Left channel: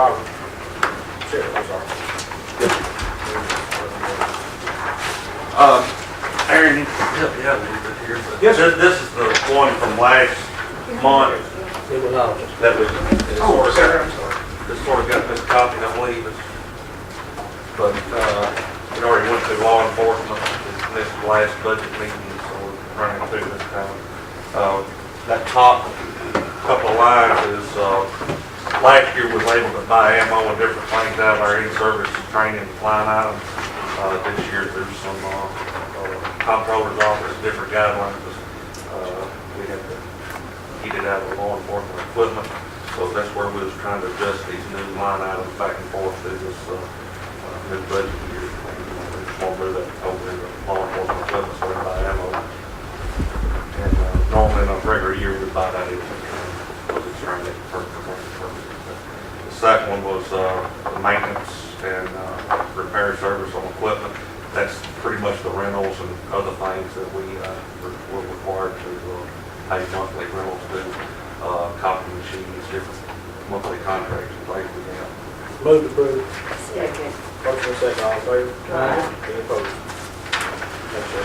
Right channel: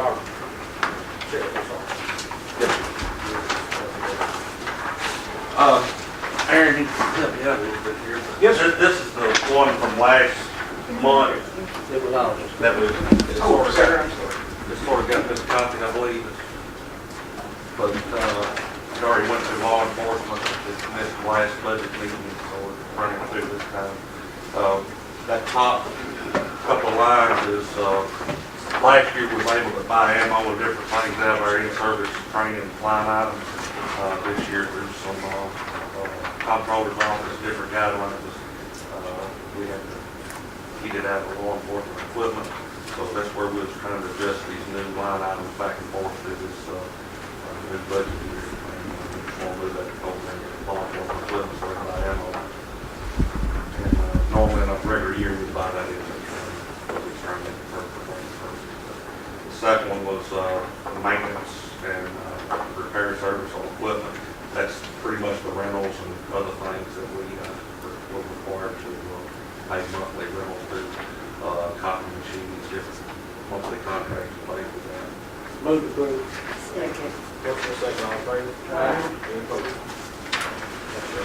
Robert. Sure, I'm sorry. Aaron, you can help me out a little bit here, but Yes, sir. this is the one from last month that we Oh, sort of sorry, got, I'm sorry. that sort of got miscopied, I believe. But it already went through law enforcement. We missed the last budget meeting, so we're running through this time. That top couple of lines is last year was able to buy ammo and different things out of our in-service training line item. This year there's some comptroller's office, different guidelines. We had to eat it out of the law enforcement equipment. So that's where we was trying to adjust these new line items back and forth through this new budget year. We just want to move that over in the law enforcement equipment so we buy ammo. And normally in a regular year we buy that in. We're just trying to the second one was the maintenance and repair service on equipment. That's pretty much the rentals and other things that we were required to pay monthly rentals to, copy machines, different monthly contracts and things we have. Move to approve. Second. Motion and second, all in favor? Aye. Any opposed? Thank you.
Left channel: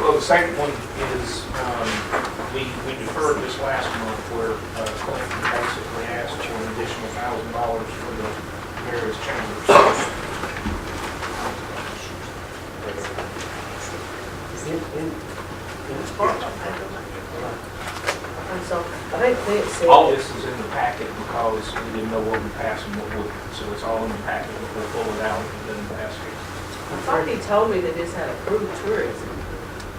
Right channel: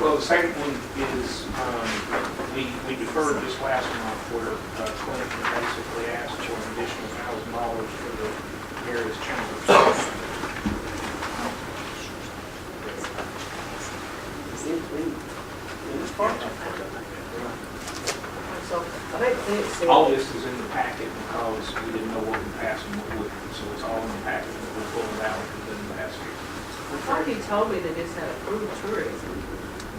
Well, the second one is, we deferred this last month where Clinton basically asked for an additional $1,000 for the various chambers. And so, I think Clint said. All this is in the packet because we didn't know what we passed and what wouldn't, so it's all in the packet, but we'll pull it out and then pass it. I thought he told me that this had approved tourism.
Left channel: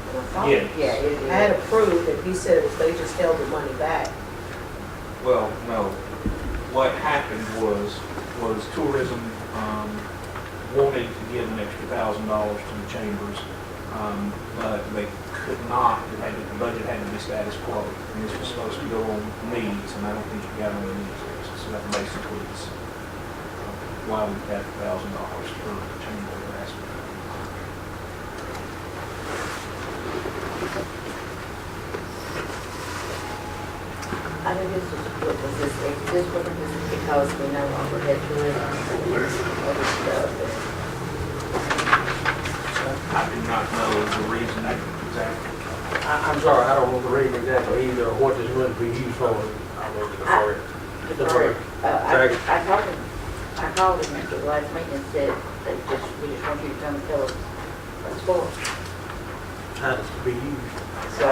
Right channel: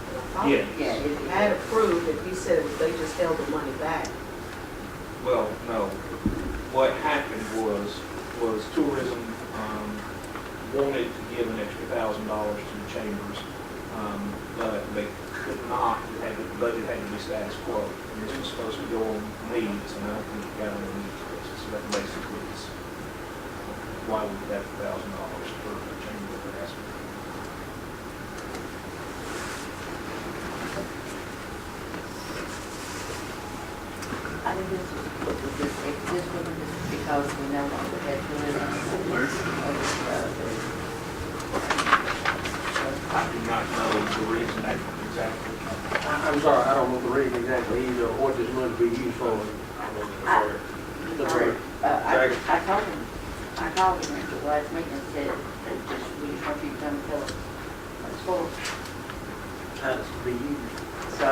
I thought Yeah. Yeah, it had approved, and he said it was they just held the money back. Well, no, what happened was tourism, wanted to give an extra $1,000 to the chambers, but they could not, the budget had to be status quo. And this was supposed to go on needs, and I don't think it got on the need list, so that basically is, why we got the $1,000 per chamber rest. I think this was because we no longer had tourism and other stuff. I did not know the reason exactly. I'm sorry, I don't want to read exactly either, or what this would be used for. I'm sorry. Deferred. Second. I called him at the last meeting and said they just, we just want you to come and tell us what it's for. How it's to be used. So,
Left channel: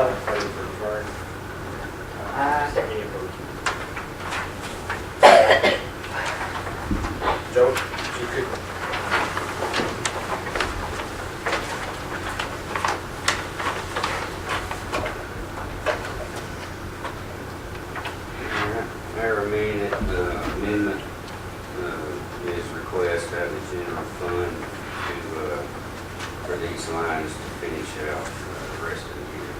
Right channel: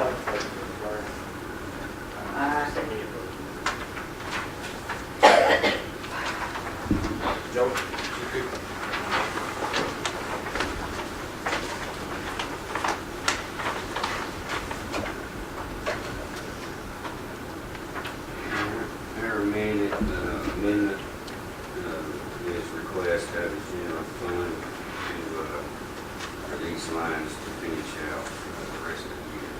Joe, you could. Mayor, amendment is request out of the general fund to, for these lines to finish out the rest of the year.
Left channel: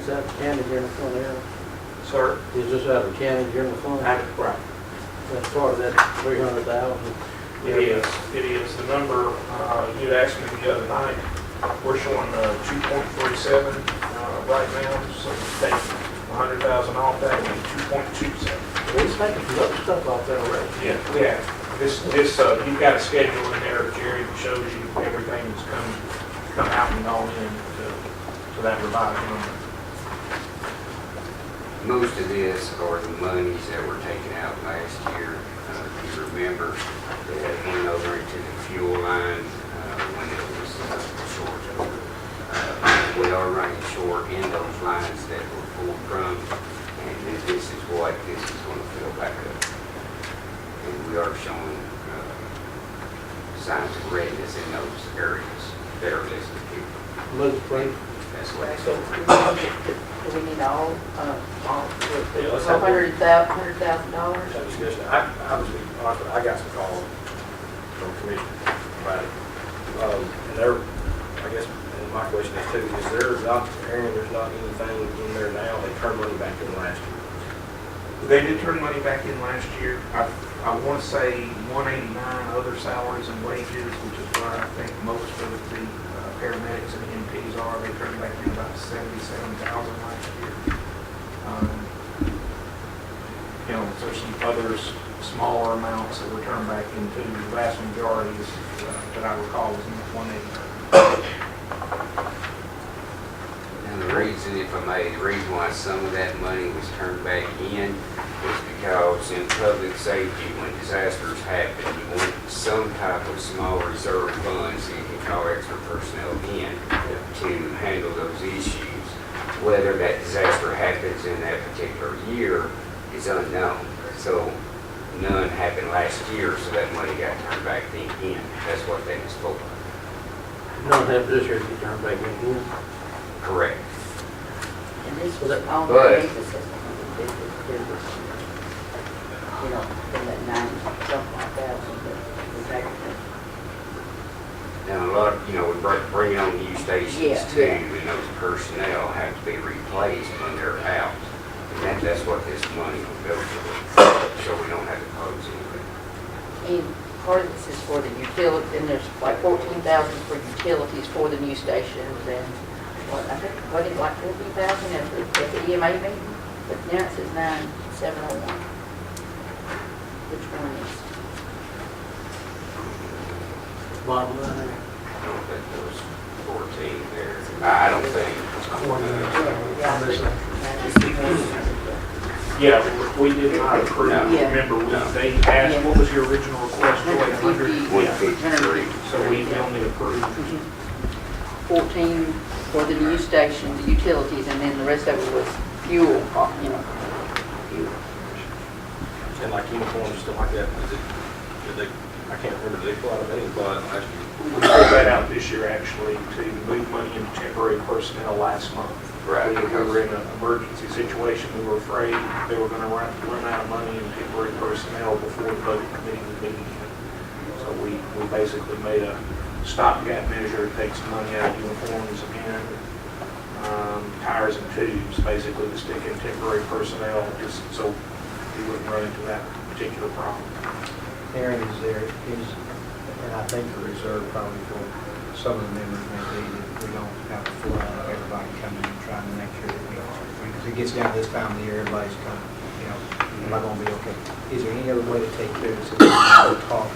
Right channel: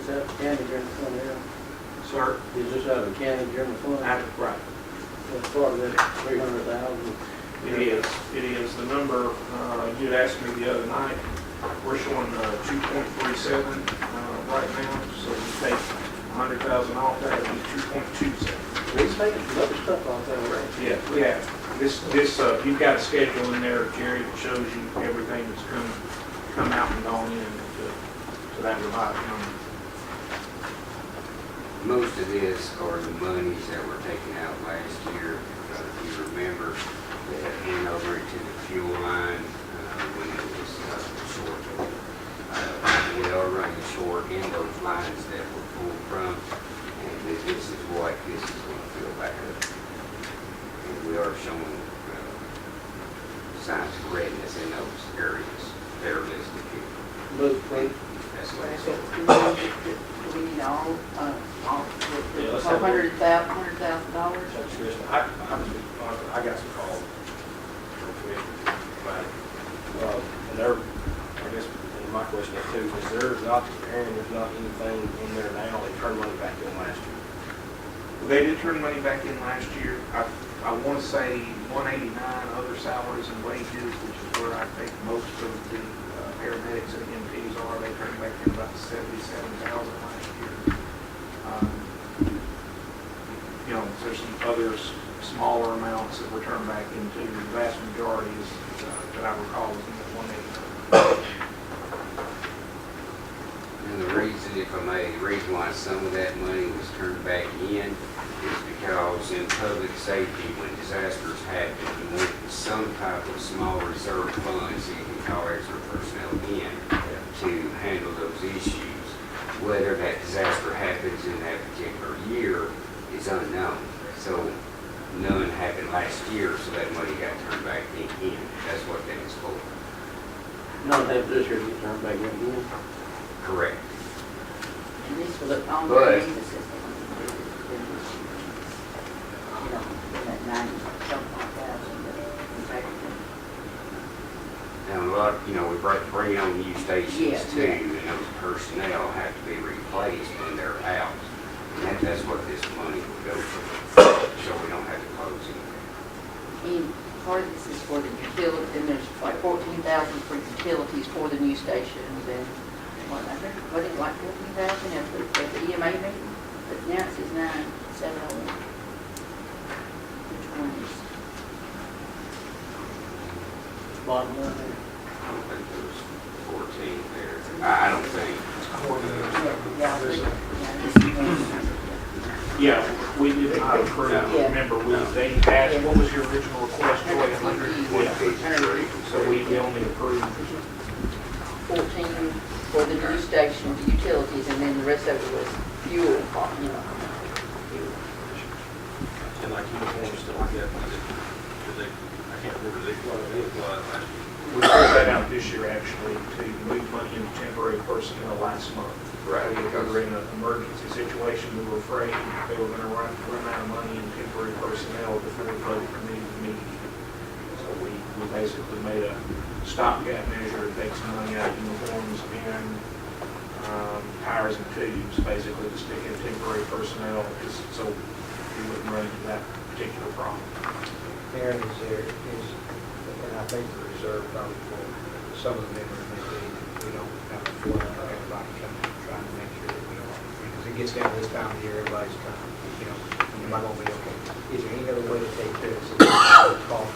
Is that county general fund there? Sir? Is this out of county general fund? Right. That's part of that 300,000. It is. It is. The number, you'd asked me the other night, we're showing 2.47 right now, so if you take 100,000 off, that would be 2.27. We're making some other stuff like that already. Yeah, we have. This, you've got a schedule in there, Jerry, that shows you everything that's come out and gone in for that revised number. Most of this are the monies that were taken out last year. You remember that went over into the fuel line when it was short over. We are running short in those lines that were pulled from, and this is what this is going to fill back up. And we are showing signs of redness in those areas that are listed here. Move, please. That's what it's so do we need all Yeah, let's have- $100,000? That's just, I got some calls from commission about it. And they're, I guess, and my question is too, is there's not, Aaron, there's not anything in there now, they turned money back in last year. They did turn money back in last year. I want to say 189 other salaries and wages, which is for, I think, most of the paramedics and EMTs are, they turned back in about 77,000 last year. You know, there's some others, smaller amounts that were turned back into, the vast majority is, that I recall was in the 180. And the reason, if I may, the reason why some of that money was turned back in is because in public safety, when disasters happen, you want some type of small reserve fund so you can call extra personnel in to handle those issues. Whether that disaster happens in that particular year is unknown. So none happened last year, so that money got turned back in. That's what that is for. None happened this year, to turn back in. Correct. And this was on the But- basis of, you know, from that 90 something like that. And a lot, we bring on new stations Yeah, too, yeah. and those personnel have to be replaced when they're out. And that's what this money will go to, so we don't have to close anything. And part of this is for the utility, and there's like 14,000 for utilities for the new stations, and I think, wasn't it like 14,000 at the EMA meeting? But now it says 9,701. Which one is? Bottom line, I don't think there was 14 there. I don't think. Yeah, I think. Yeah, we did not approve, No. remember, No. they asked, what was your original request, like 100? 150. So we only approved 14 for the new station, the utilities, and then the rest of it was fuel, fuel. And like uniforms and stuff like that, did they, I can't remember, did they pull out of it last year? We pulled that out this year, actually, to move money into temporary personnel last month. Right. We were in an emergency situation. We were afraid they were going to run out of money in temporary personnel before the budget committee was meeting. So we basically made a stopgap measure to take some money out of uniforms again, tires and tubes, basically to stick in temporary personnel, just so we wouldn't run into that particular problem. Aaron is there, and I think the reserve probably for some of the members may be, we don't kind of flood everybody coming in, trying to make sure, because it gets down this time of the year, everybody's kind of, we're not gonna be okay. Is there any other way to take care of it so we don't cost?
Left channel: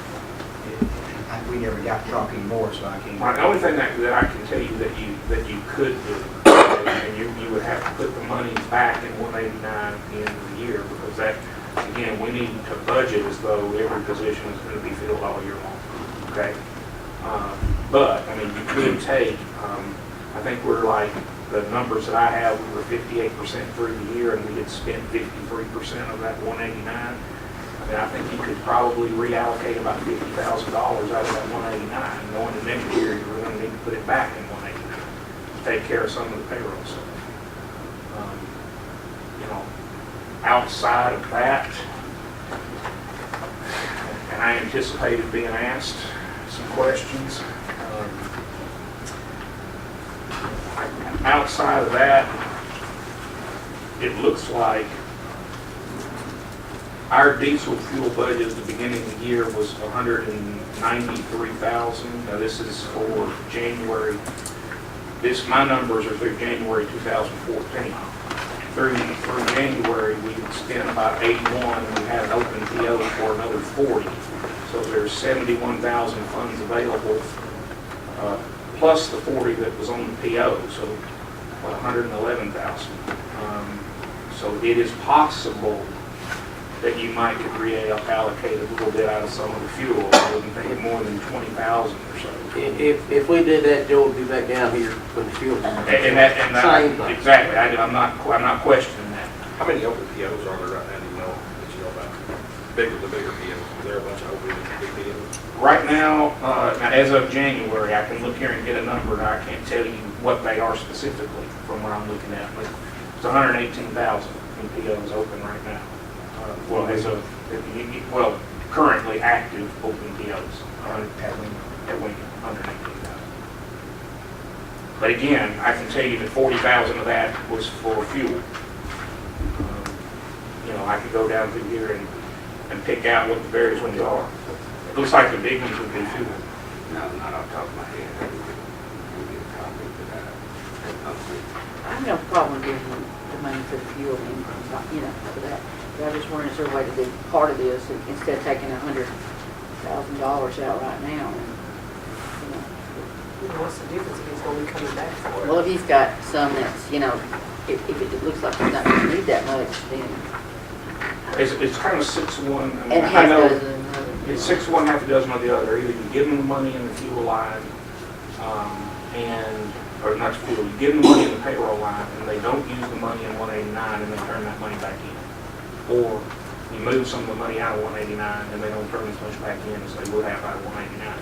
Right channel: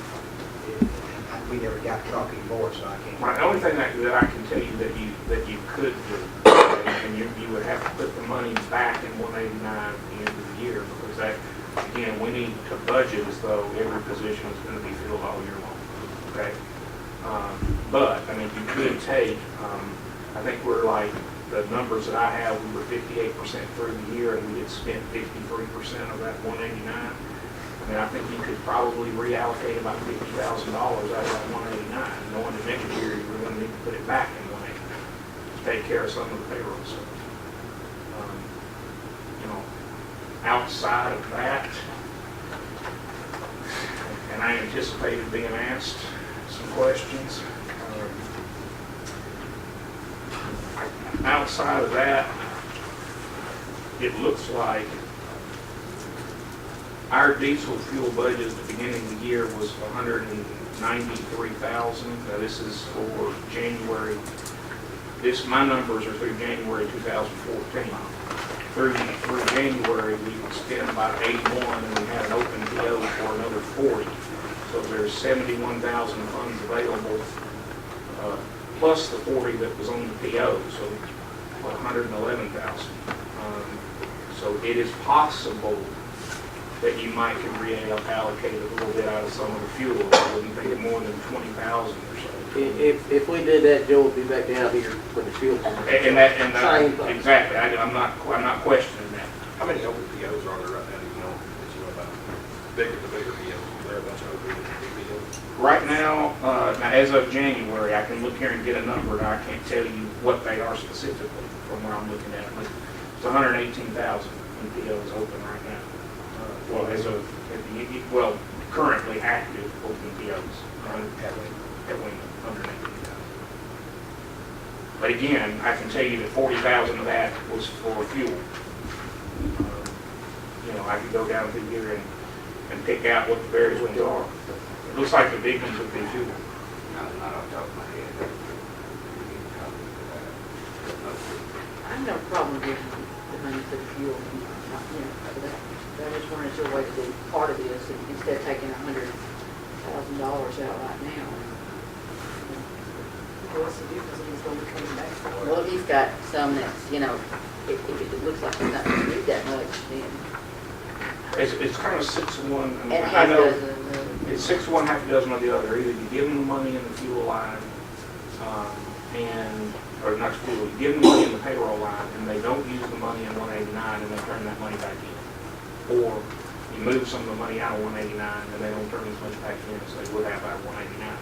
We never got to talk anymore, so I can't. The only thing that I can tell you that you could do, and you would have to put the money back in 189 at the end of the year, because that, we need to budget as though every position is going to be filled all year long, okay? But, you could take, I think we're like, the numbers that I have, we were 58% through the year, and we had spent 53% of that 189. I think you could probably reallocate about $50,000 out of that 189, knowing the next year you're going to need to put it back in 189 to take care of some of the payrolls. Outside of that, and I anticipated being asked some questions. Outside of that, it looks like our diesel fuel budget at the beginning of the year was $193,000. Now this is for January. My numbers are through January 2014. Through January, we spent about 81, and we had an open PO for another 40. So there's 71,000 funds available, plus the 40 that was on the PO, so 111,000. So it is possible that you might could reallocate a little bit out of some of the fuel, maybe more than 20,000 or so. if we did that, Joe would be back down here for the fuel tank. And that, Same thing. exactly. I'm not questioning that. How many open POs are there right now, do you know, about the bigger POs? Is there a bunch of open big POs? Right now, as of January, I can look here and get a number, and I can't tell you what they are specifically from what I'm looking at, but it's 118,000 POs open right now. Currently active open POs. But again, I can tell you that 40,000 of that was for fuel. I could go down through here and pick out what the various ones are. Looks like the big ones would be fuel. have no problem giving the money to the fuel and, you know, for that. But I was wondering, is there a way to do part of this instead of taking $100,000 out right now? You know? What's the difference if he's gonna be coming back for it? Well, if he's got some that's, you know, if it looks like he's not gonna need that much, then. It's kind of 6 to 1. I mean, And I half know dozen. it's 6 to 1, half a dozen on the other. Either you give them the money in the fuel line, or not fuel, you give them the money in the payroll line, and they don't use the money in 189, and they turn that money back in. Or you move some of the money out of 189, and they don't turn as much back in as they would have out of 189.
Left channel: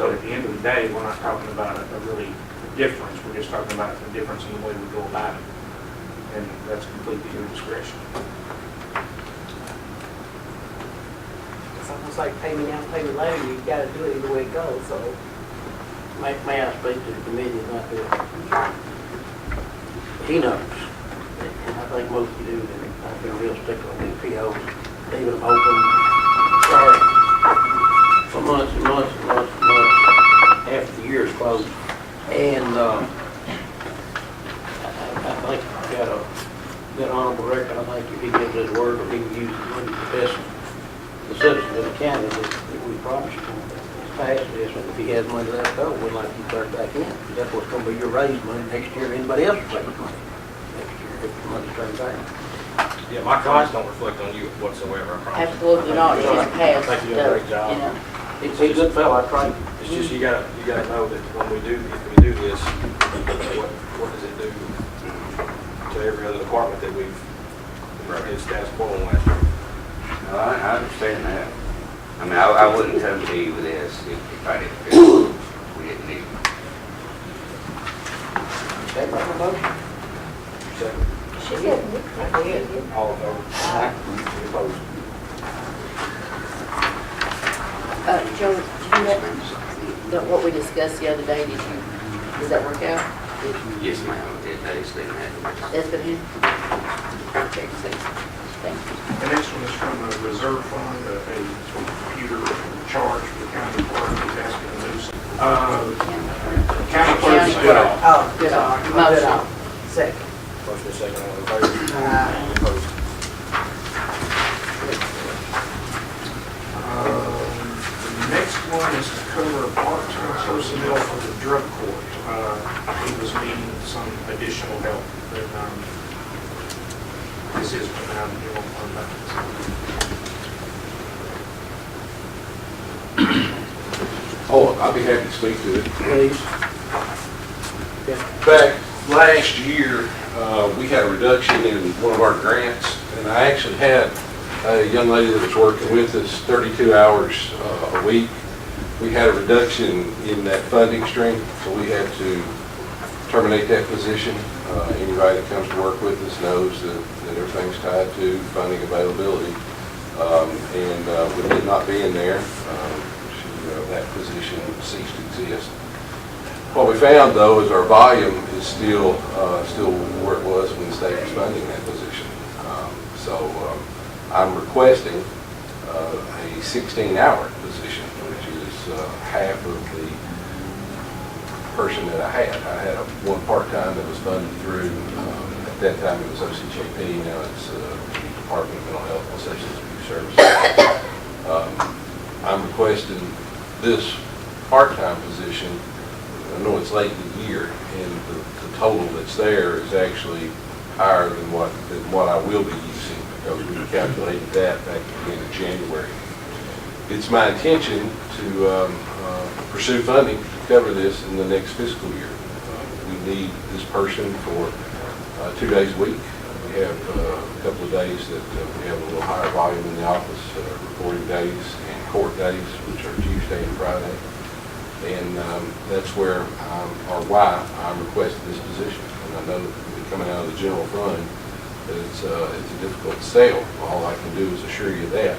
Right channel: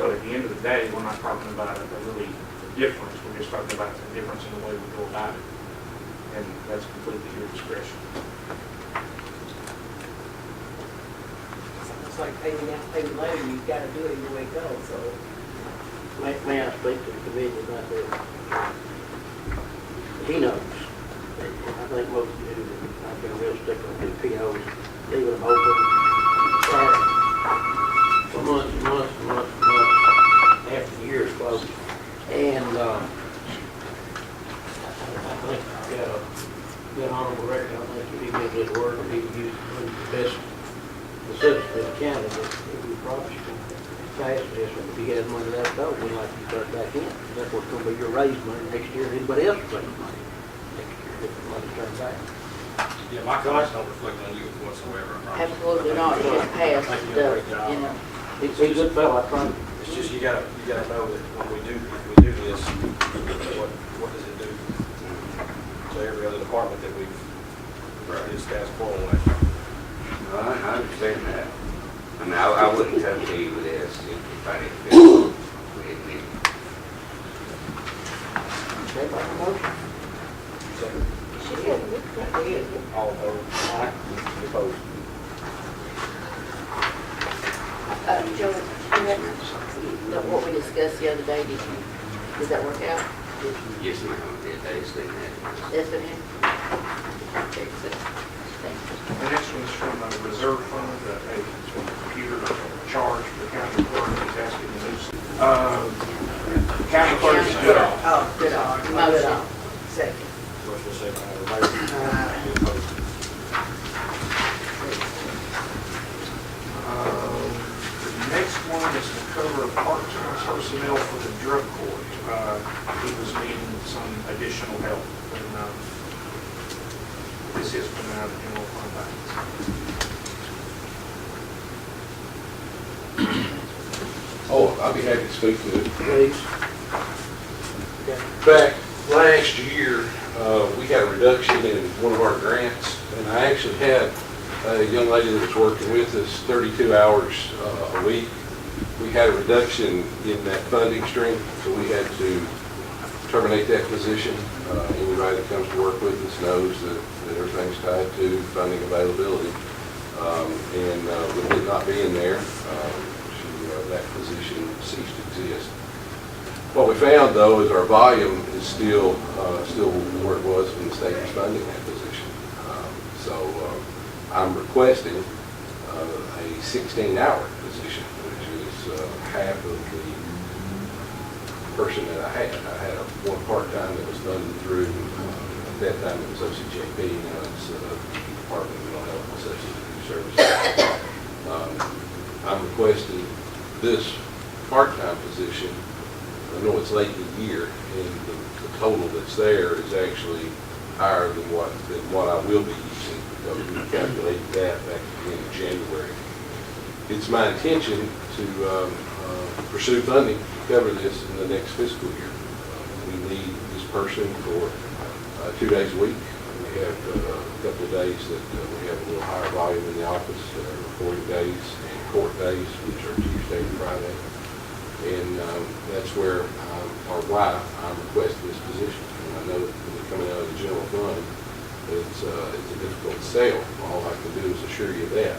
So at the end of the day, we're not talking about a really difference. We're just talking about the difference in the way we go about it. And that's completely your discretion. It's almost like pay me now, pay me later, you gotta do it the way it goes, so. May I speak to the committee about this? He knows. And I think most of you, I've been real stickler on these POs, leaving them open, start for months and months and months and months after the year's closed. And, I think we got an honorable record. I think if he gives his word, he can use the best, the citizens of the county that we promised him. Pass this, and if he had money left over, we'd like to start back in. That's what's gonna be your raise money next year, anybody else will take money. If the money turns out. Yeah, my comments don't reflect on you whatsoever, I promise. Absolutely not, it's just I passed, think you're doing a great you job. know. He's a good fellow, I think. It's just you gotta know that when we do, if we do this, what does it do to every other department that we've in status quo on last year? No, I understand that. I mean, I wouldn't come to you with this if I didn't feel it needed. Okay, make a motion. Second. She said, yeah. All in favor? Any opposed? Joe, did you have, what we discussed the other day, does that work out? Yes, ma'am. I just think that. That's for him? Okay, so, thank you. The next one is from a reserve fund, a computer charge for the county clerk, as for the news. County clerk is good off. Oh, good on, good on. Second. Motion is second, all in favor? Aye. Any opposed? The next one is to cover part-time personnel for the drug court. He was needing some additional help, and this is now, on that. Oh, I'd be happy to speak to it. Please. Back last year, we had a reduction in one of our grants, and I actually had a young lady that was working with us 32 hours a week. We had a reduction in that funding stream, so we had to terminate that position. Anybody that comes to work with us knows that everything's tied to funding availability. With it not being there, that position ceased to exist. What we found, though, is our volume is still where it was when the state was funding that position. I'm requesting a 16-hour position, which is half of the person that I had. I had one part-time that was funded through, at that time it was OCJP, now it's Department of Mental Health and Substance Abuse Services. I'm requesting this part-time position. I know it's late in the year, and the total that's there is actually higher than what I will be using, because we calculated that at the beginning of January. It's my intention to pursue funding to cover this in the next fiscal year. We need this person for 2 days a week. We have a couple of days that we have a little higher volume in the office, recording days and court days, which are Tuesday and Friday. And that's where, or why I'm requesting this position. And I know it's coming out of the general fund, but it's a difficult sell. All I can do is assure you that.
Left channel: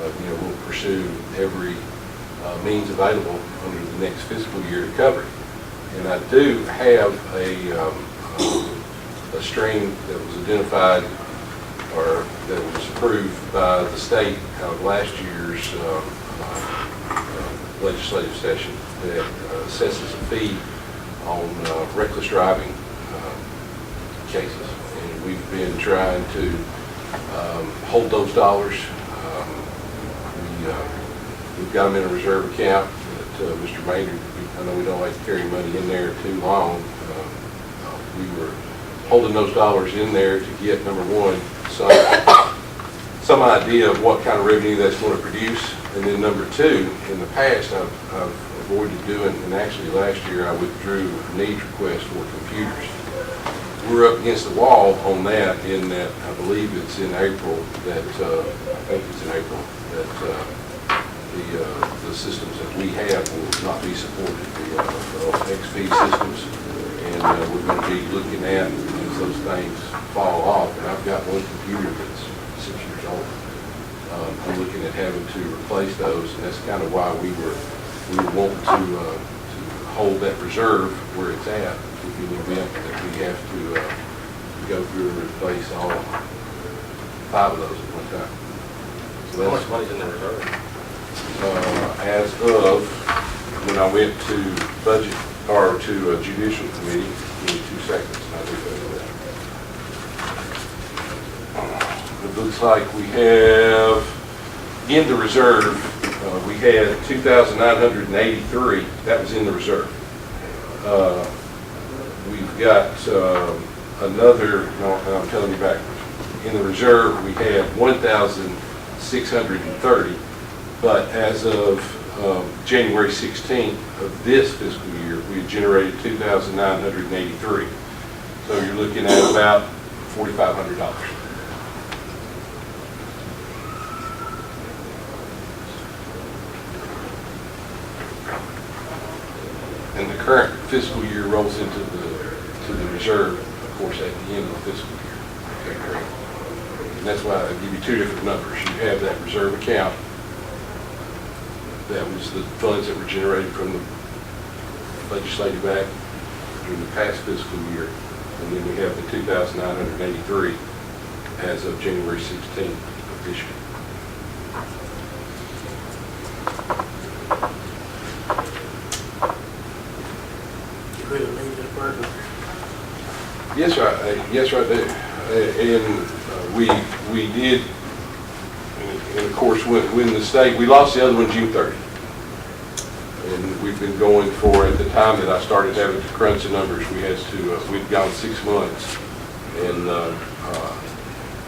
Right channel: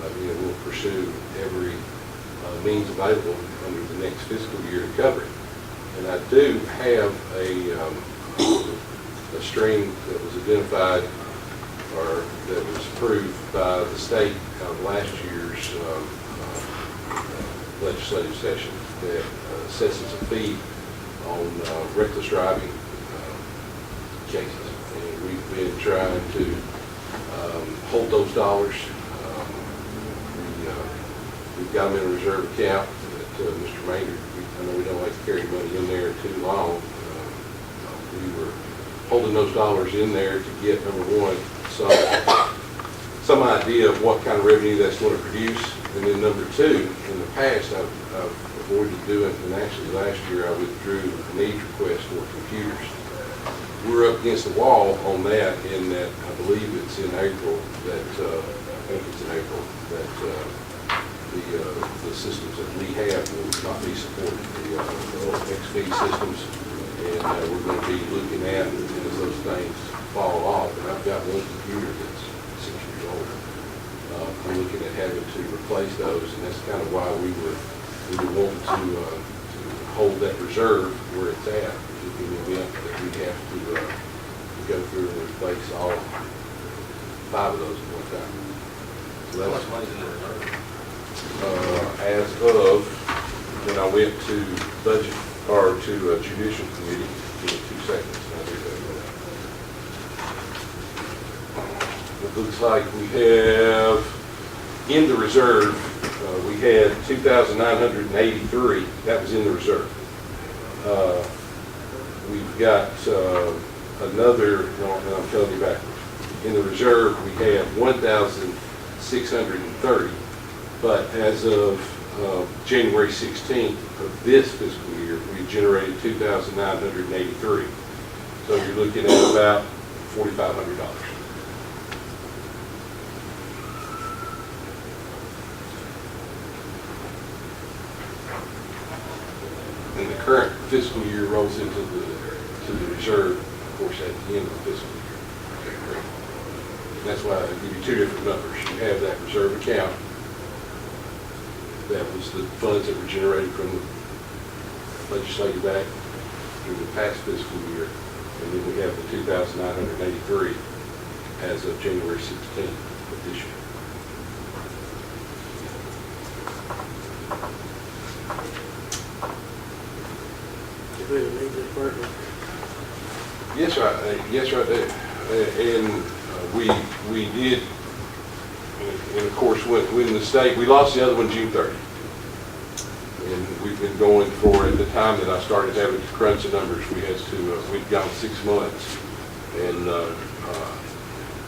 We'll pursue every means available under the next fiscal year to cover it. And I do have a stream that was identified or that was approved by the state out of last year's legislative session that assesses a fee on reckless driving cases. And we've been trying to hold those dollars. We've got them in a reserve account, but Mr. Maynard, I know we don't like to carry money in there too long. We were holding those dollars in there to get, number one, some idea of what kind of revenue that's going to produce. And then number two, in the past, I've avoided doing, and actually last year I withdrew a needs request for computers. We're up against the wall on that in that, I believe it's in April, that, I think it's in April, that the systems that we have will not be supported, the XP systems. And we're going to be looking at, as those things fall off, and I've got one computer that's 6 years old. I'm looking at having to replace those, and that's kind of why we were wanting to hold that reserve where it's at. In the event that we have to go through and replace all 5 of those at one time. So How much money's in the reserve? As of when I went to budget, or to judicial committee, in 2 seconds, I looked at that. It looks like we have, in the reserve, we had 2,983, that was in the reserve. We've got another, no, I'm telling you back, in the reserve, we had 1,630, but as of January 16th of this fiscal year, we've generated 2,983. So you're looking at about $4,500. And the current fiscal year rolls into the reserve, of course, at the end of the fiscal year. And that's why I give you 2 different numbers. You have that reserve account. That was the funds that were generated from the legislative act in the past fiscal year. And then we have the 2,983 as of January 16th of this year. Yes, sir. Yes, sir, I do. And we did, and of course, when the state, we lost the other one June 30th. And we've been going for, at the time that I started having to crunch the numbers, we've gone 6 months. And I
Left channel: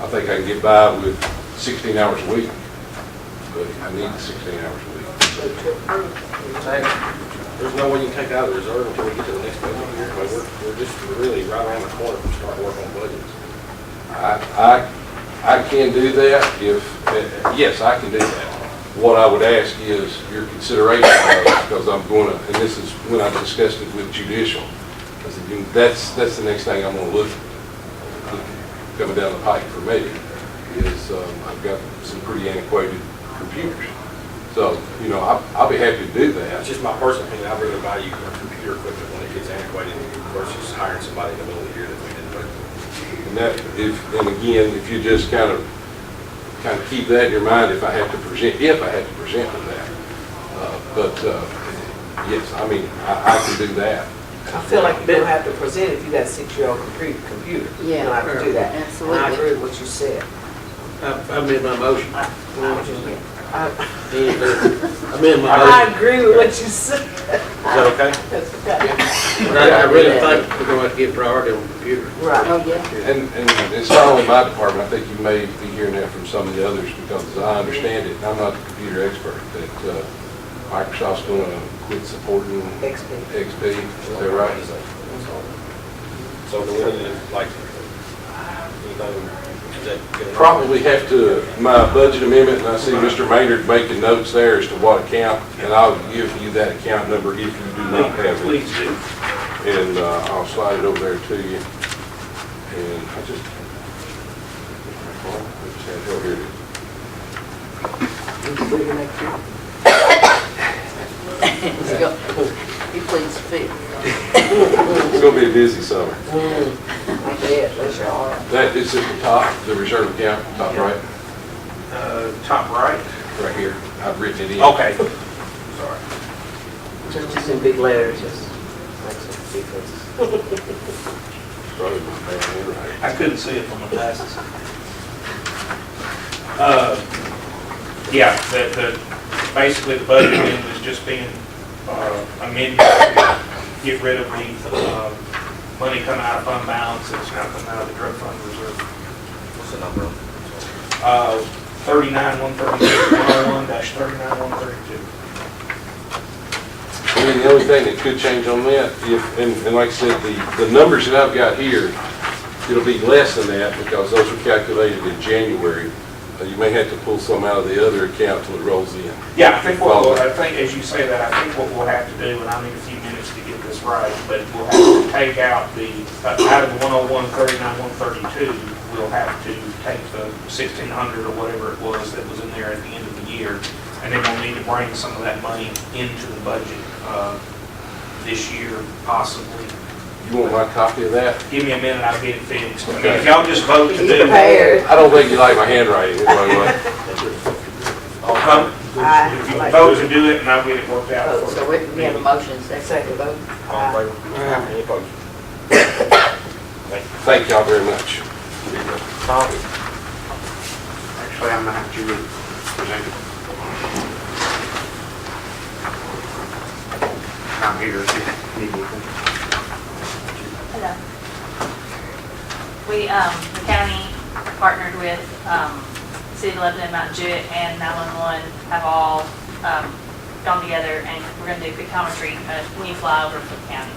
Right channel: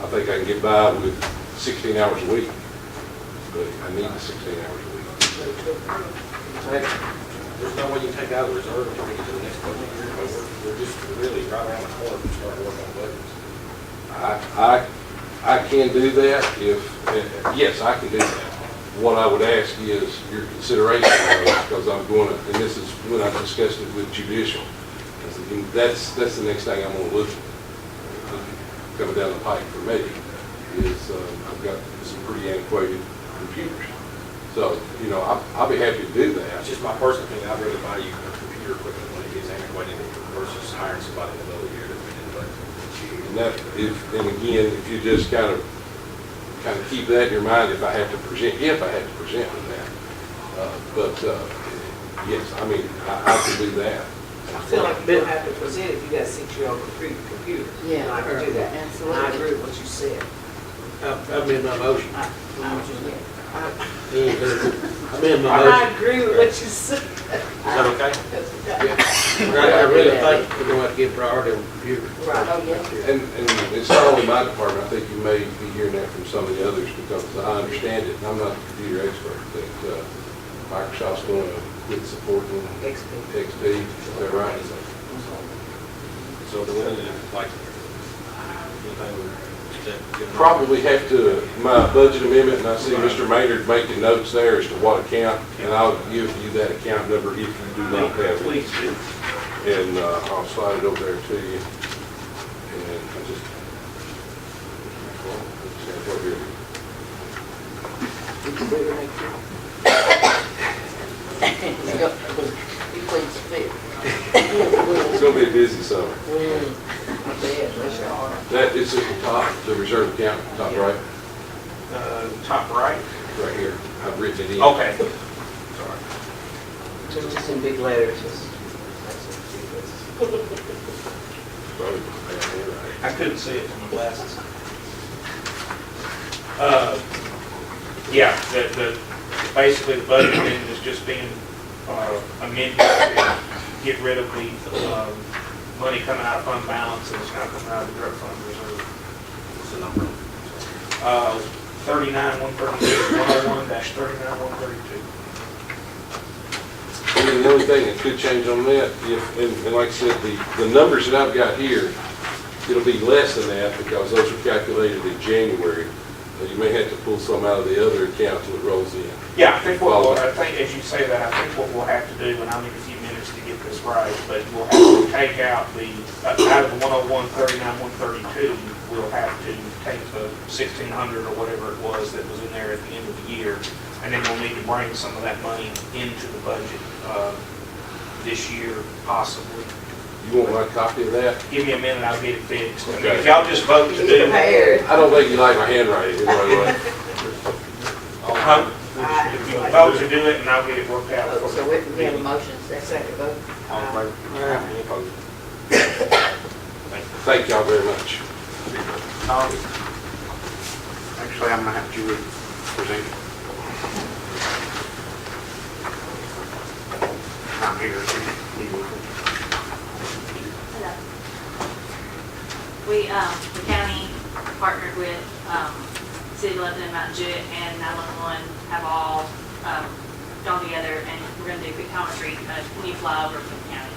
think I can get by with 16 hours a week. But I need the 16 hours a week. There's no way you can take out of the reserve until we get to the next one here. We're just really right around the corner from starting work on budgets. I can do that if, yes, I can do that. What I would ask is your consideration of it, because I'm going to, and this is when I'm discussing it with judicial, because that's the next thing I'm going to look at coming down the pipe for me, is I've got some pretty antiquated computers. So, you know, I'll be happy to do that. That's just my personal opinion. I'd rather buy you computer equipment when it gets antiquated versus hiring somebody in the middle of the year that we didn't budget. And that, and again, if you just kind of keep that in your mind, if I had to present on that. But yes, I mean, I can do that. I feel like you don't have to present if you got a 6-year-old computer. You don't have to do that. Absolutely. And I agree with what you said. I made my motion. I I agree with what you said. Is that okay? That's okay. I really think we're going to have to give priority on computers. Right. Oh, yeah. And it's not only my department, I think you may be hearing that from some of the others, because I understand it, and I'm not the computer expert, that Microsoft's going to quit supporting XP. XP, is that right? So do we need to, like, anything, is that good enough? Probably have to, my budget amendment, and I see Mr. Maynard making notes there as to what account, and I'll give you that account number if you do not have it. Please do. And I'll slide it over there to you. And I just, over here. You please speak. It's gonna be a busy summer. I bet, that's your honor. That is at the top, the reserve account, top right, Top right? right here. I've written it in. Okay. Sorry. Just in big letters, just. That's what big letters. Probably my bad handwriting. I couldn't see it from my glasses. Yeah, basically the budget amendment is just being amended to get rid of the money coming out of fund balance and it's now coming out of the drug fund reserve. What's the number? 39132, 101-39132. I mean, the only thing that could change on that, and like I said, the numbers that I've got here, it'll be less than that because those were calculated in January. You may have to pull some out of the other account when it rolls in. Yeah, I think as you say that, I think what we'll have to do, and I need a few minutes to get this right, but we'll have to take out out of the 101-39132, we'll have to take the 1,600 or whatever it was that was in there at the end of the year, and then we'll need to bring some of that money into the budget this year, possibly. You want my copy of that? Give me a minute, I'll get it finished. Okay, if y'all just vote to do it. I don't think you like my handwriting. If you vote to do it, and I'll get it worked out. So we have a motion and second vote. All in favor? Any opposed? Thank y'all very much. Tom? Actually, I'm not MtJuliet. I'm here to meet with them. Hello. The county partnered with City of Lebanon, MtJuliet, and 911 have all gone together, and we're going to do pictometry when you fly over from the county.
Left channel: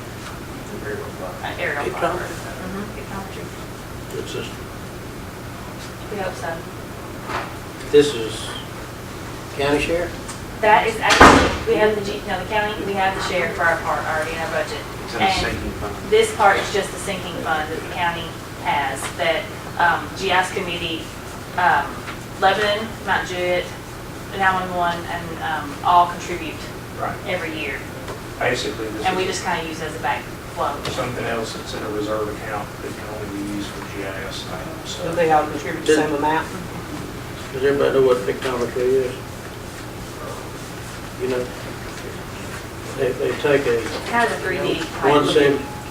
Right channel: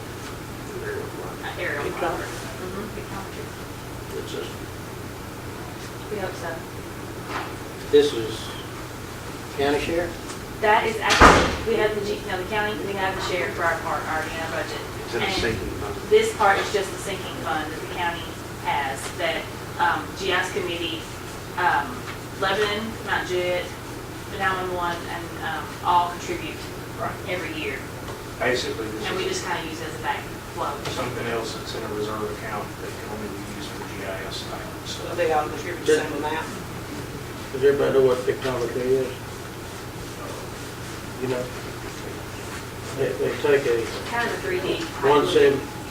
Aerial pictometry. Good system. We hope so. This is county share? That is actually, we have the county, we have the share for our part already in our budget. And this part is just the sinking fund that the county has, that GIS committee, Lebanon, MtJuliet, 911, and all contribute Right. every year. Basically, this And we is just kind of use it as a backflow. something else that's in a reserve account that can only be used for GIS type of So stuff. they all contribute the same amount? Does everybody know what pictometry is? You know? They take a Kind of 3D. type.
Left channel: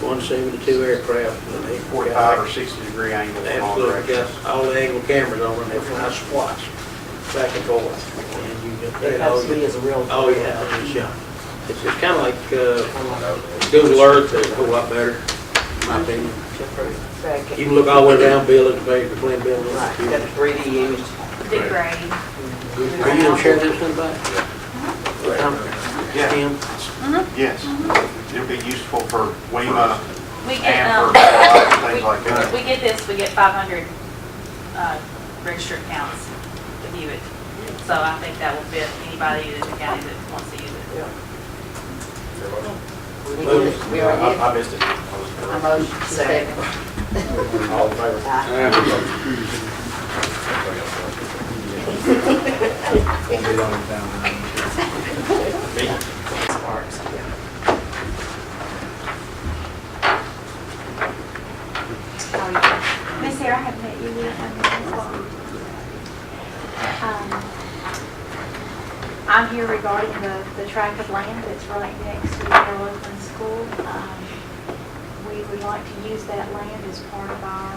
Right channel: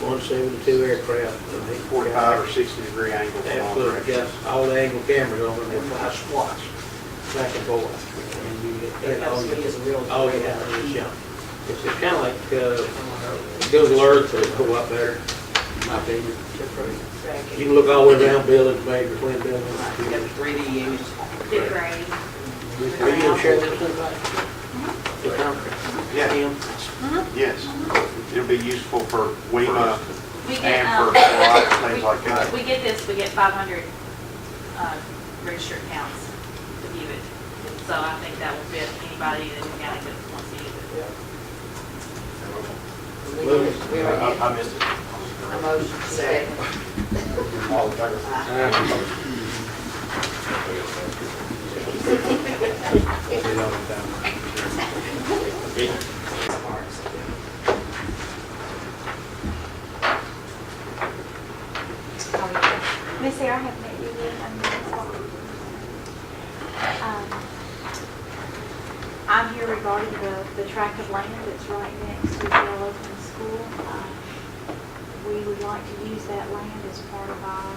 172 aircraft and they 45 or 60 degree angle. absolutely got all the angle cameras on and they fly squats back and forth. And you get That actually is a real. Oh, yeah, it's just kind of like Google Earth, it'll go up better, in my opinion. You can look all the way down, Bill, it's made between buildings. Right, got 3D image. Big grade. Are you gonna share this one back? Tim? Yes, it'll be useful for WEMA We get, and for things like that. we get this, we get 500 registered accounts to view it. So I think that will fit anybody in the county that wants to use it. We already I missed it. A motion, second. All in favor? Missy, I haven't met you yet. I'm here regarding the tract of land that's right next to Carroll Oakland School. We would like to use that land as part of our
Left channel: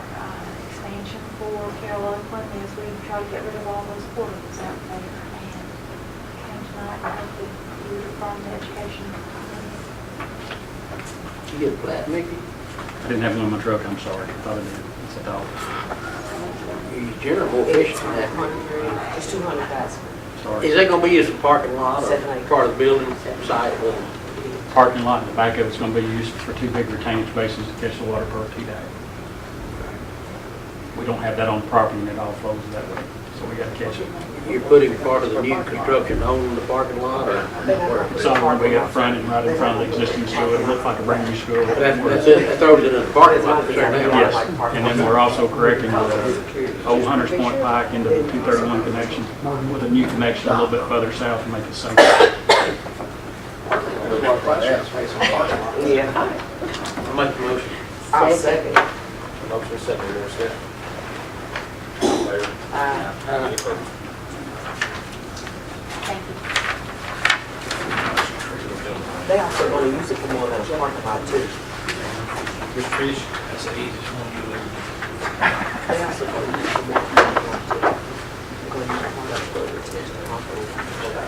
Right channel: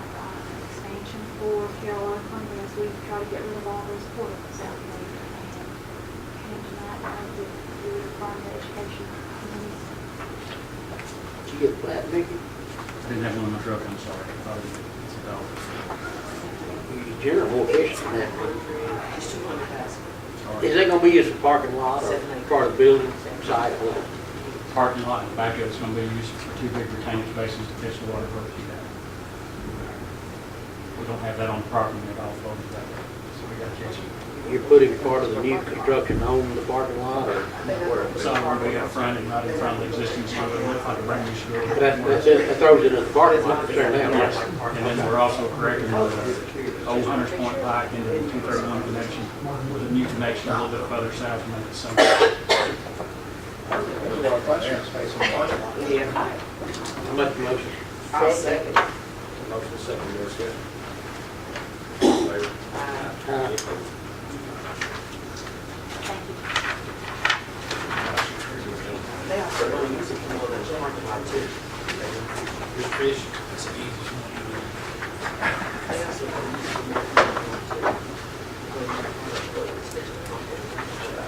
expansion for Carroll Oakland as we try to get rid of all those quarters out there. And tonight, I hope that you from the education committee. You get a plat, Mickey? I didn't have one in my truck, I'm sorry. Probably didn't. It's a dog. You generally fish for that. It's 200,000. Sorry. Is that gonna be used as a parking lot or part of the building side? Parking lot in the back of it's gonna be used for 2 big retainage basins to catch the water per 2 days. We don't have that on the property and it all flows that way, so we gotta catch it. You're putting part of the new construction on the parking lot or where? Somewhere we got frontage right in front of the existing school, it looks like a brand new school. That's it, that throws it in the parking lot. Yes, and then we're also correcting the old Hunters Point Pike into the 231 connection with a new connection a little bit further south to make it safer. Yeah. I make the motion. I'll second. Motion second, more discussion. All in favor? Any opposed? Thank you. They also want to use it for more than a parking lot too. Mr. Fish? That's the easiest one you live They also go use the more. Go use how much work it's getting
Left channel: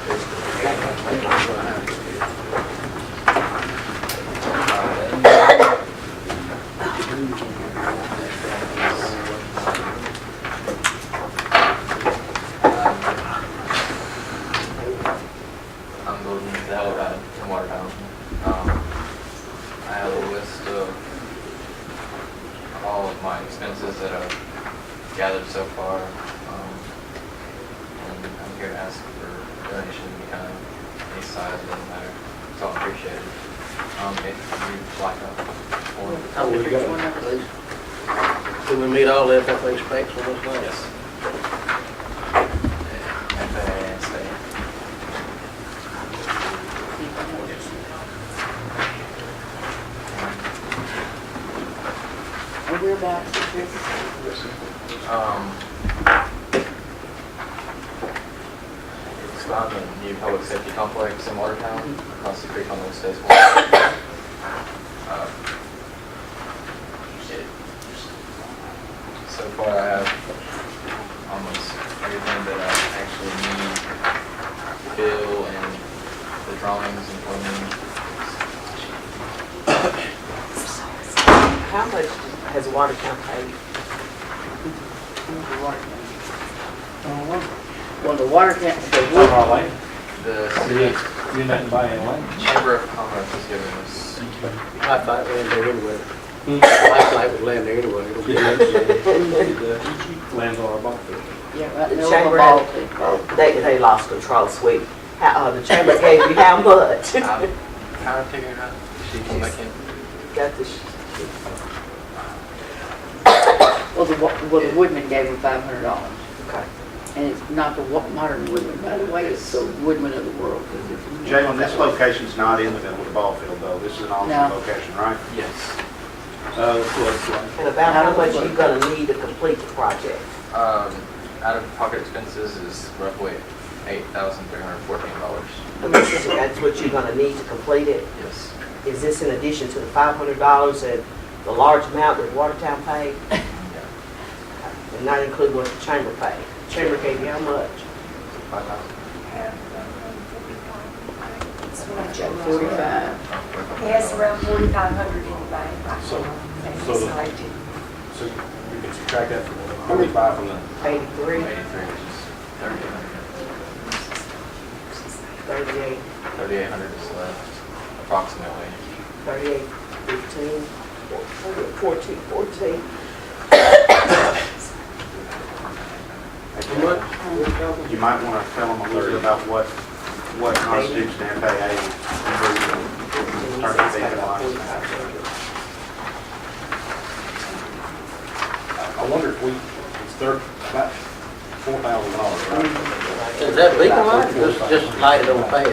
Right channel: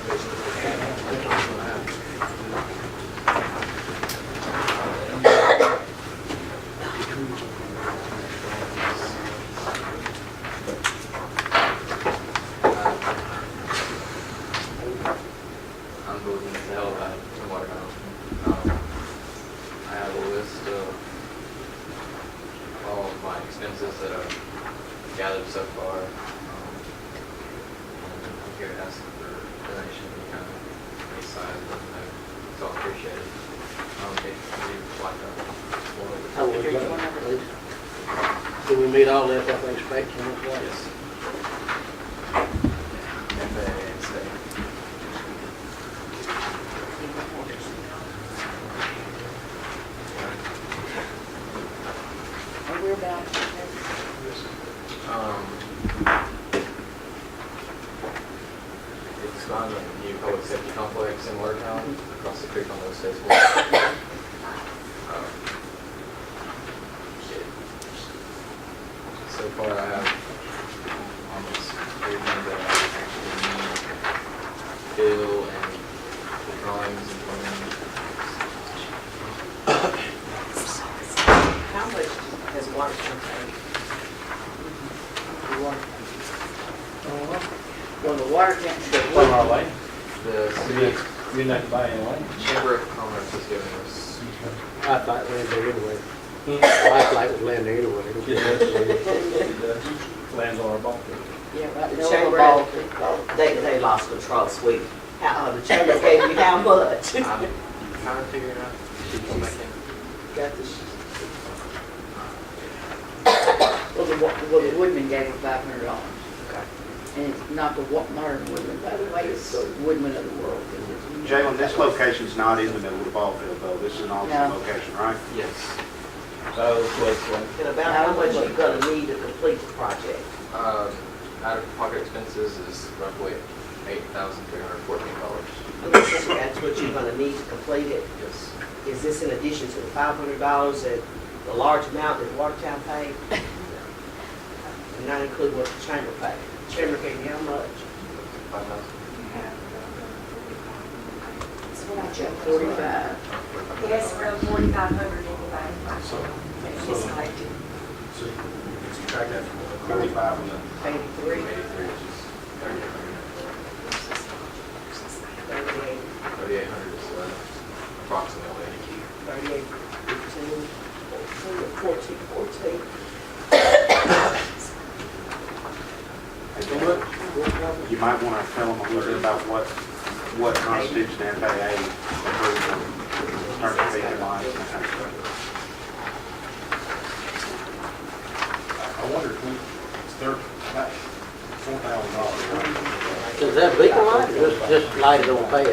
I'm moving to Watertown, from Watertown. I have a list of all of my expenses that I've gathered so far. And I'm here to ask for donation anytime, any size, doesn't matter. It's all appreciated. If you like that. Oh, we got one, please. Can we meet all the FFA specs on this one? Yes. FAA. Whereabouts is it? It's found in the new public safety complex in Watertown, across the creek on those days. So far, I have almost everything that I actually need, bill and the drawings and plumbing. How much has Watertown paid? Well, the water can't, in. Over our land. The You didn't have to buy any land. Chamber of Commerce has given us, Lifeline was there anyway. Lifeline was land there anyway. Land's all about it. yeah, right The there on chamber the ball had, field. they lost control, sweet. The chamber gave you how much? how to figure it out. She come back in. Got the, Well, the Woodman gave me $500. okay. And it's not the modern Woodman, by the way, it's the Woodman of the world. Jalen, this location's not in the middle of the ball field, though. This is an alternate No. location, right? Yes. Close one. And about how much you gonna need to complete the project? Out of pocket expenses is roughly $8,314. That's what you're gonna need to complete it? Yes. Is this in addition to the $500 that the large amount that Watertown paid? And not include what the chamber paid? Chamber gave you how much? 45. Yes, around 4,500 in the bank. So you can subtract that from 45 from the 83, 83, which is 38, 3,800 is left, approximately. 38, 15, 14, 14. How much? You might want to tell them a little bit about what constitutes the FAA. Start with the headlines. I wonder if start about $4,000, right? Is that big one, or just light it on the pad?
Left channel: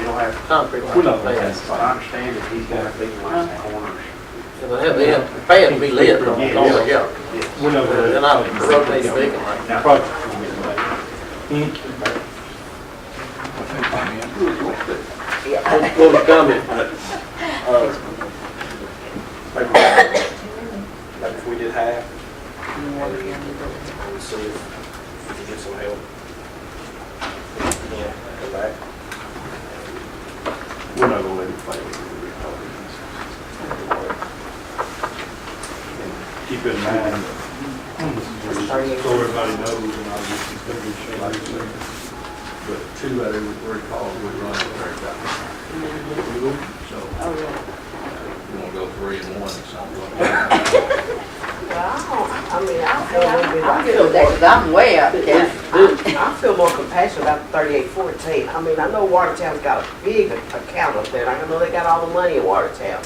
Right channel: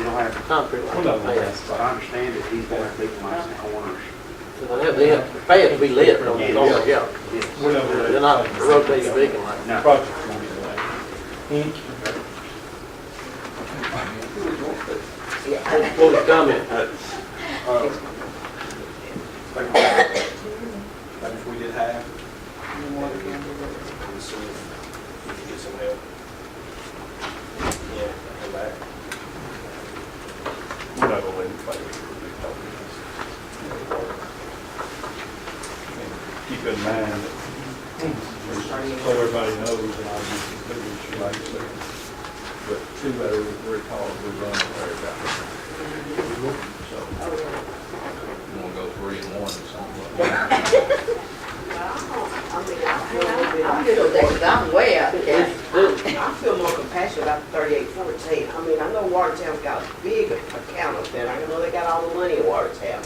You don't have, Concrete We're light on not the gonna pad. have but I understand that he's got a big one in the corner. Well, the pad will be lit from the north, yeah. We know that. Then I'll rotate the big one. When we come in. Maybe if we did half, we'll see if we can get some help. Yeah, come back. We're not gonna let it play. Keep in mind, so everybody knows, and I was thinking, but two out of every three calls we run up there got So, Oh, yeah. We'll go 3 and 1 or something. Wow, I mean, I feel a little bit I'm like. good with that, 'cause I'm way out of county. I feel more compassionate about the 3814. I mean, I know Watertown's got a big account up there. I know they got all the money in Watertown.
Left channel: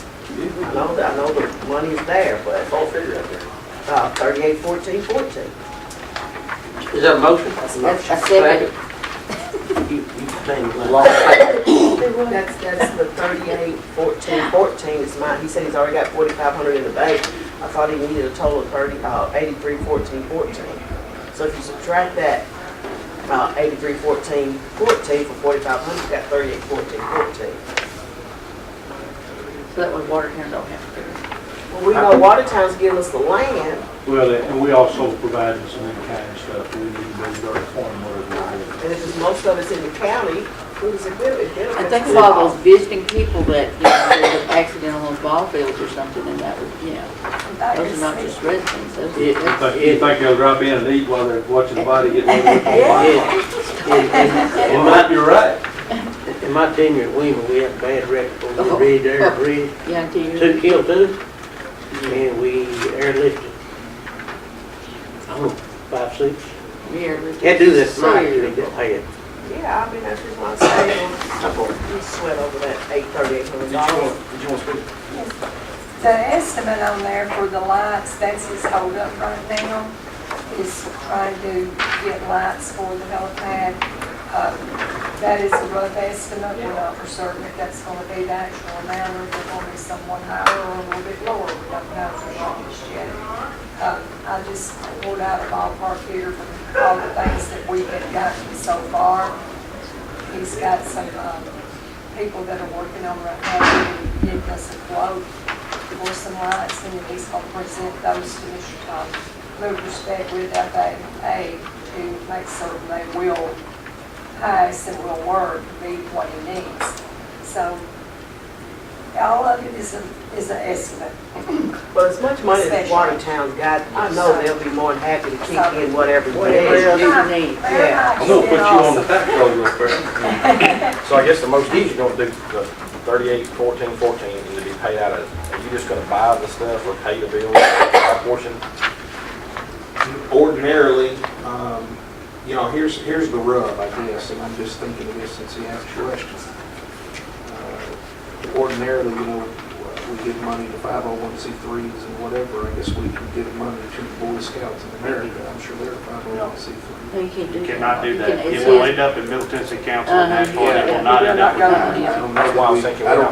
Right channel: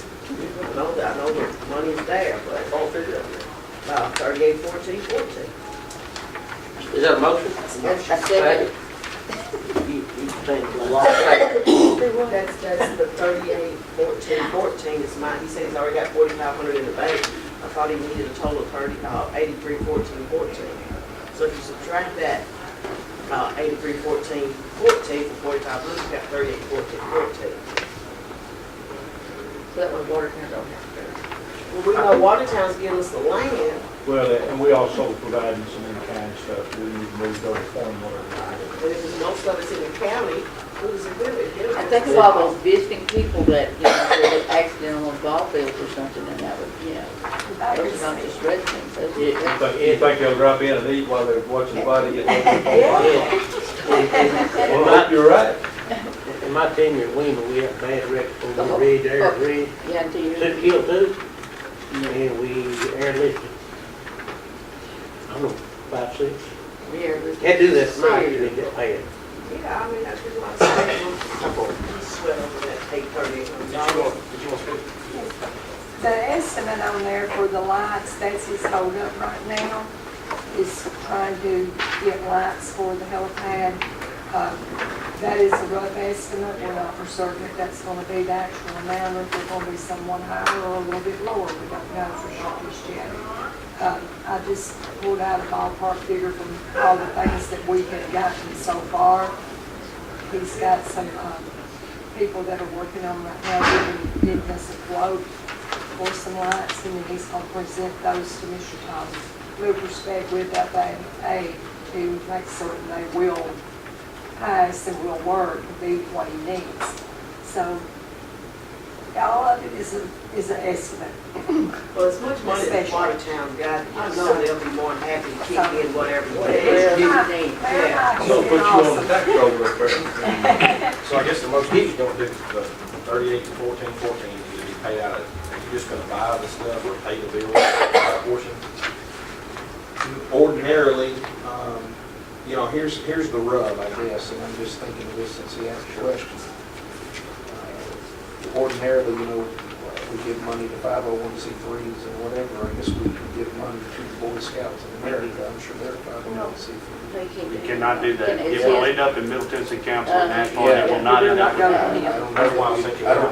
I know the money's there, but All figure out there. 381414. Is that a motion? That's a That's motion. a second. That's the 381414 is mine. He said he's already got 4,500 in the bank. I thought he needed a total of 831414. So if you subtract that 831414 from 4,500, you got 381414. So that way Watertown don't have to do it. Well, we know Watertown's giving us the land, Well, and we also providing some in-kind stuff. We need to move dirt for them whatever we're doing. and if it's most of it's in the county, who does it benefit? I think of all those visiting people that, you know, that were accident on those ball fields or something, and that was, you know, those are not just residents, those are. You think they'll drop in and eat while they're watching the body get loaded up on line? Well, You're right. in my tenure at Weeman, we had a bad record on the bridge, air bridge, Yeah, until you. 2 killed 2, and we airlifted, I don't know, 5, 6. We are. Can't do this tonight, we get paid. Yeah, I mean, that's just what I'm saying, you sweat over that $3,800. Did you want to speak? The estimate on there for the lights, that's his hold up right now, is trying to get lights for the helipad. That is a rough estimate, we're not for certain if that's gonna be the actual amount, or if it's gonna be someone higher or a little bit lower, we don't know for just yet. I just pulled out a ballpark figure from all the things that we have gotten so far. He's got some, people that are working on right now, giving us a quote for some lights, and then he's gonna present those to move perspective that they pay to make certain they will pass and will work to be what he needs. So, all of it is an estimate. But as much money as Watertown got, I know they'll be more than happy to keep in whatever you Whatever need. you need. Yeah. I'm gonna put you on the tax roll real quick. So I guess the most you're gonna do the 38, 14, 14 is to be paid out of, are you just gonna buy the stuff or pay the bill, our portion? Ordinarily, you know, here's the rub, I guess, and I'm just thinking of this since he asked the question. Ordinarily, you know, we give money to 501c3s and whatever. I guess we can give money to the Boy Scouts in America. I'm sure they're 501c3. You can't do You that. cannot do that. It's It'll his- end up in Middle Tennessee Council Uh-huh. of Nashville. Yeah. It will not end up in Yeah. I don't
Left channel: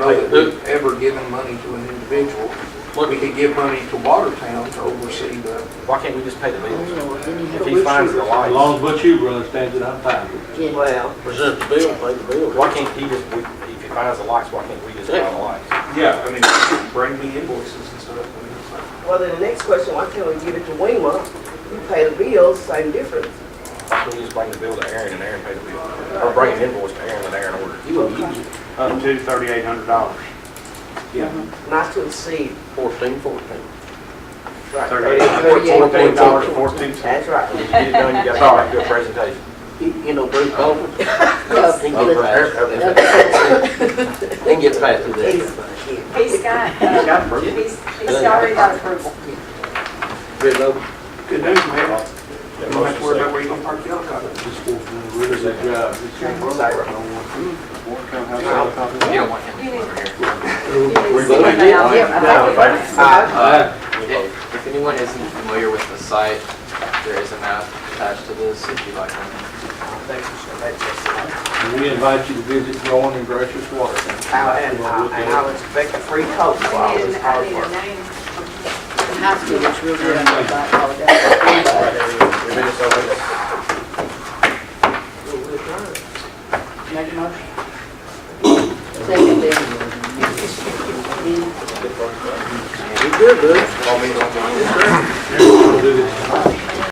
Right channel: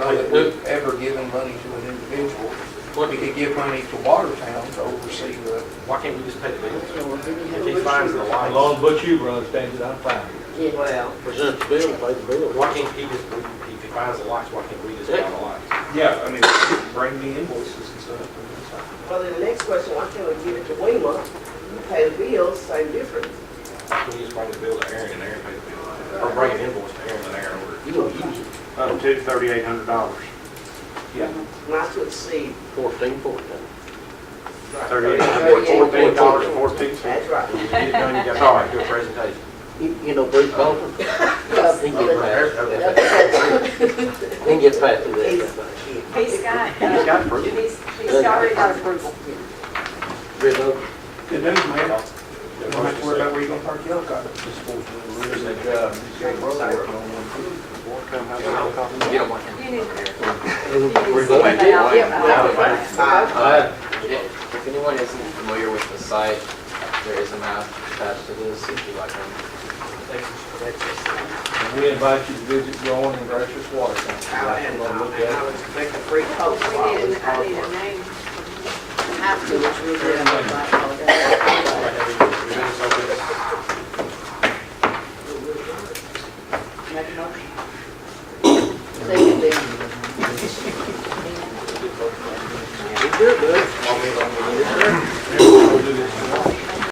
know that we've ever given money to an individual. We could give money to Watertown to oversee the. Why can't we just pay the bills? Oh, then you have If to- he finds the As lights, long as Butch Huber understands it, I'm fine with it. Yeah. Well, Present the bill, pay the bill. why can't he just, if he finds the lights, why can't we just buy the lights? Yeah, I mean, bring me invoices and stuff. And it's like, well, then the next question, why can't we give it to Wema? You pay the bills, same difference. Why can't you just bring the bill to Aaron and Aaron pay the bill? Or bring an invoice to Aaron and Aaron orders? up to $3,800. Yeah. Not to exceed, 14. right, $14, 14. That's right. When you get it done, you gotta come back to a presentation. You know, Bruce Coffin. They can get back to that. He's already got approval. Good news, man. You don't have to worry about where you're gonna park the helicopter. This fool's doing a really good job. He's got a brother working on one too. You don't want him over here. If anyone isn't familiar with the site, there is a map attached to this if you'd like them. And we invite you to visit growing and gracious Watertown. And I'll expect a free coat for all this hard work. The high school is real good. Right there, we just opened it.